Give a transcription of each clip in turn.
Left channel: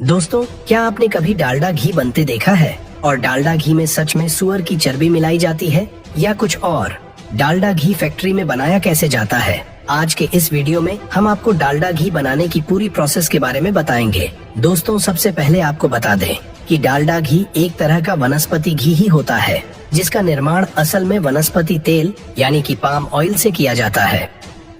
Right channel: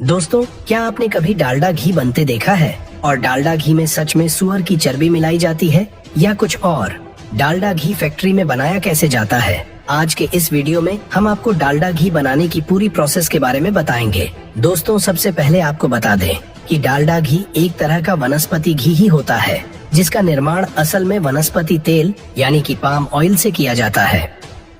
दोस्तों, क्या आपने कभी डालडा घी बनते देखा है? और डालडा घी में सच में सुअर की चर्बी मिलाई जाती है या कुछ और? डालडा घी फैक्ट्री में बनाया कैसे जाता है? आज के इस वीडियो में हम आपको डालडा घी बनाने की पूरी प्रोसेस के बारे में बताएंगे। दोस्तों, सबसे पहले आपको बता दें कि डालडा घी एक तरह का वनस्पति घी ही होता है, जिसका निर्माण असल में वनस्पति तेल यानी कि पाम ऑयल से किया जाता है।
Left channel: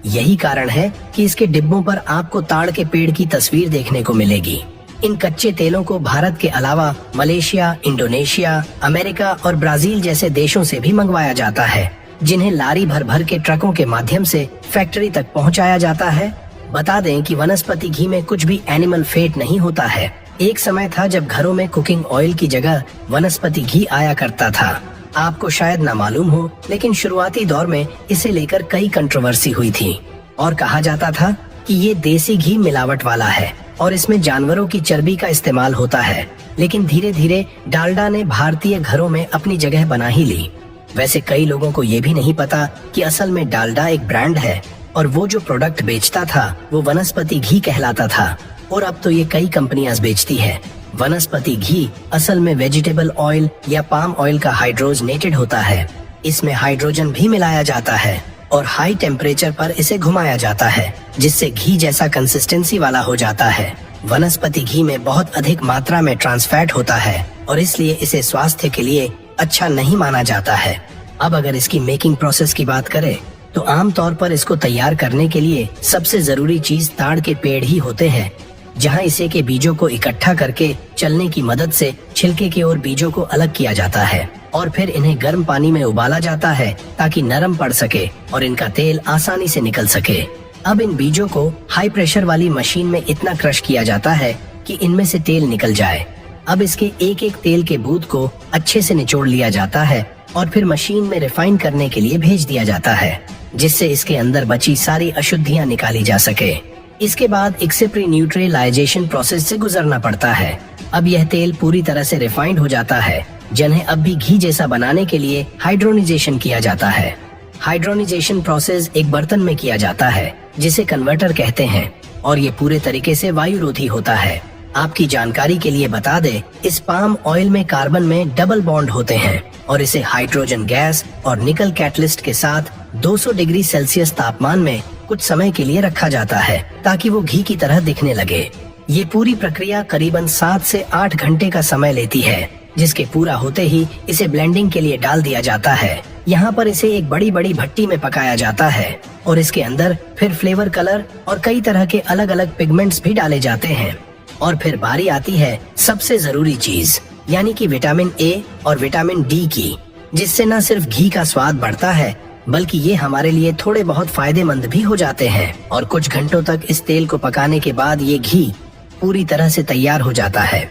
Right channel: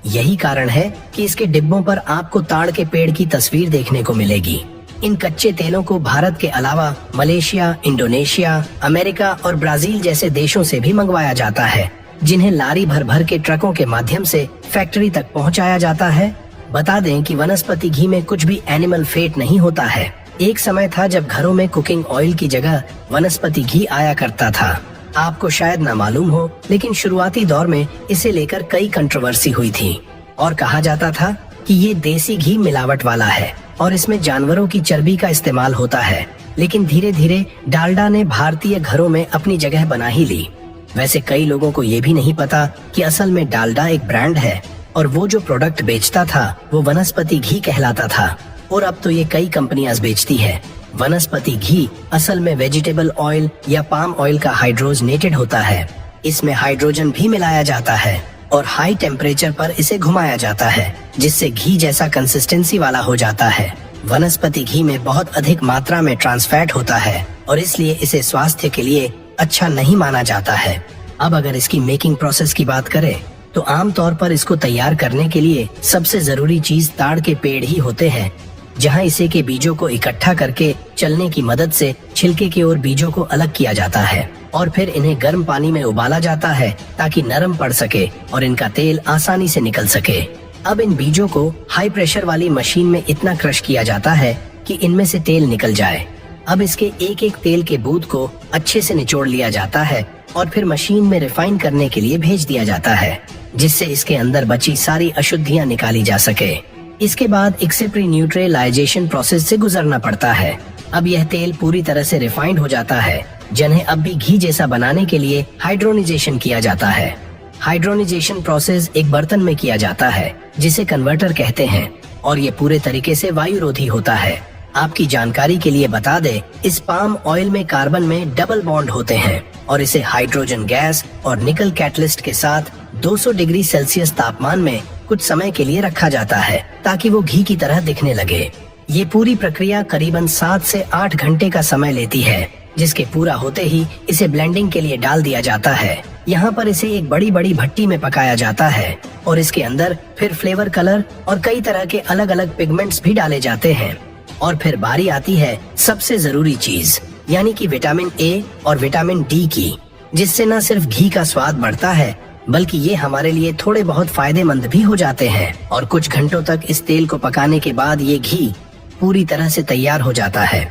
यही कारण है कि इसके डिब्बों पर आपको ताड़ के पेड़ की तस्वीर देखने को मिलेगी। इन कच्चे तेलों को भारत के अलावा मलेशिया, इंडोनेशिया, अमेरिका और ब्राजील जैसे देशों से भी मंगवाया जाता है, जिन्हें लारी भर भर के ट्रकों के माध्यम से फैक्ट्री तक पहुंचाया जाता है। बता दें कि वनस्पति घी में कुछ भी एनिमल फैट नहीं होता है। एक समय था जब घरों में कुकिंग ऑयल की जगह वनस्पति घी आया करता था। आपको शायद न मालूम हो, लेकिन शुरुआती दौर में इसे लेकर कई कंट्रोवर्सी हुई थी और कहा जाता था कि ये देसी घी मिलावट वाला है और इसमें जानवरों की चर्बी का इस्तेमाल होता है। लेकिन धीरे धीरे डालडा ने भारतीय घरों में अपनी जगह बना ही ली। वैसे कई लोगों को ये भी नहीं पता कि असल में डालडा एक ब्रांड है और वो जो प्रोडक्ट बेचता था वो वनस्पति घी कहलाता था, और अब तो ये कई कंपनियां बेचती है। वनस्पति घी असल में वेजिटेबल ऑयल या पाम ऑयल का हाइड्रोजनेटेड होता है। इसमें हाइड्रोजन भी मिलाया जाता है और हाई टेम्परेचर पर इसे घुमाया जाता है, जिससे घी जैसा कंसिस्टेंसी वाला हो जाता है। वनस्पति घी में बहुत अधिक मात्रा में ट्रांस फैट होता है और इसलिए इसे स्वास्थ्य के लिए अच्छा नहीं माना जाता है। अब अगर इसकी मेकिंग प्रोसेस की बात करें तो आमतौर पर इसको तैयार करने के लिए सबसे जरूरी चीज ताड़ के पेड़ ही होते हैं, जहां इसे के बीजों को इकट्ठा करके चलने की मदद से छिलके की ओर बीजों को अलग किया जाता है और फिर इन्हें गर्म पानी में उबाला जाता है ताकि नरम पड़ सके और इनका तेल आसानी से निकल सके। अब इन बीजों को हाई प्रेशर वाली मशीन में इतना क्रश किया जाता है कि इनमें से तेल निकल जाए। अब इसके एक एक तेल के बूंद को अच्छे से निचोड़ लिया जाता है और फिर मशीन में रिफाइन करने के लिए भेज दिया जाता है, जिससे इसके अंदर बची सारी अशुद्धियाँ निकाली जा सके। इसके बाद एक्सेप्री न्यूट्रलाइजेशन प्रोसेस से गुजरना पड़ता है। अब यह तेल पूरी तरह से रिफाइंड हो जाता है, जिन्हें अब भी घी जैसा बनाने के लिए हाइड्रोनिजेशन किया जाता है। हाइड्रोनिजेशन प्रोसेस एक बर्तन में किया जाता है जिसे कन्वर्टर कहते हैं, और ये पूरे तरीके से वायुरोधी होता है। आपकी जानकारी के लिए बता दें, इस पाम ऑयल में कार्बन में डबल बॉन्ड होते हैं और इसे हाइड्रोजन गैस और निकल कैटलिस्ट के साथ 200 डिग्री सेल्सियस तापमान में कुछ समय के लिए रखा जाता है ताकि वो घी की तरह दिखने लगे। ये पूरी प्रक्रिया करीबन 7 से 8 घंटे का समय लेती है, जिसके पूरा होते ही इसे ब्लेंडिंग के लिए डाल दिया जाता है। यहाँ पर इसे एक बड़ी बड़ी भट्टी में पकाया जाता है और इसके अंदर फिर फ्लेवर कलर और कई तरह के अलग अलग पिगमेंट्स भी डाले जाते हैं। और फिर बारी आती है सबसे जरूरी चीज, यानी कि विटामिन ए और विटामिन डी की, जिससे न सिर्फ घी का स्वाद बढ़ता है बल्कि ये हमारे लिए थोड़े बहुत फायदेमंद भी हो जाते हैं। और कुछ घंटों तक इस तेल को पकाने के बाद ये घी पूरी तरह से तैयार हो जाता है।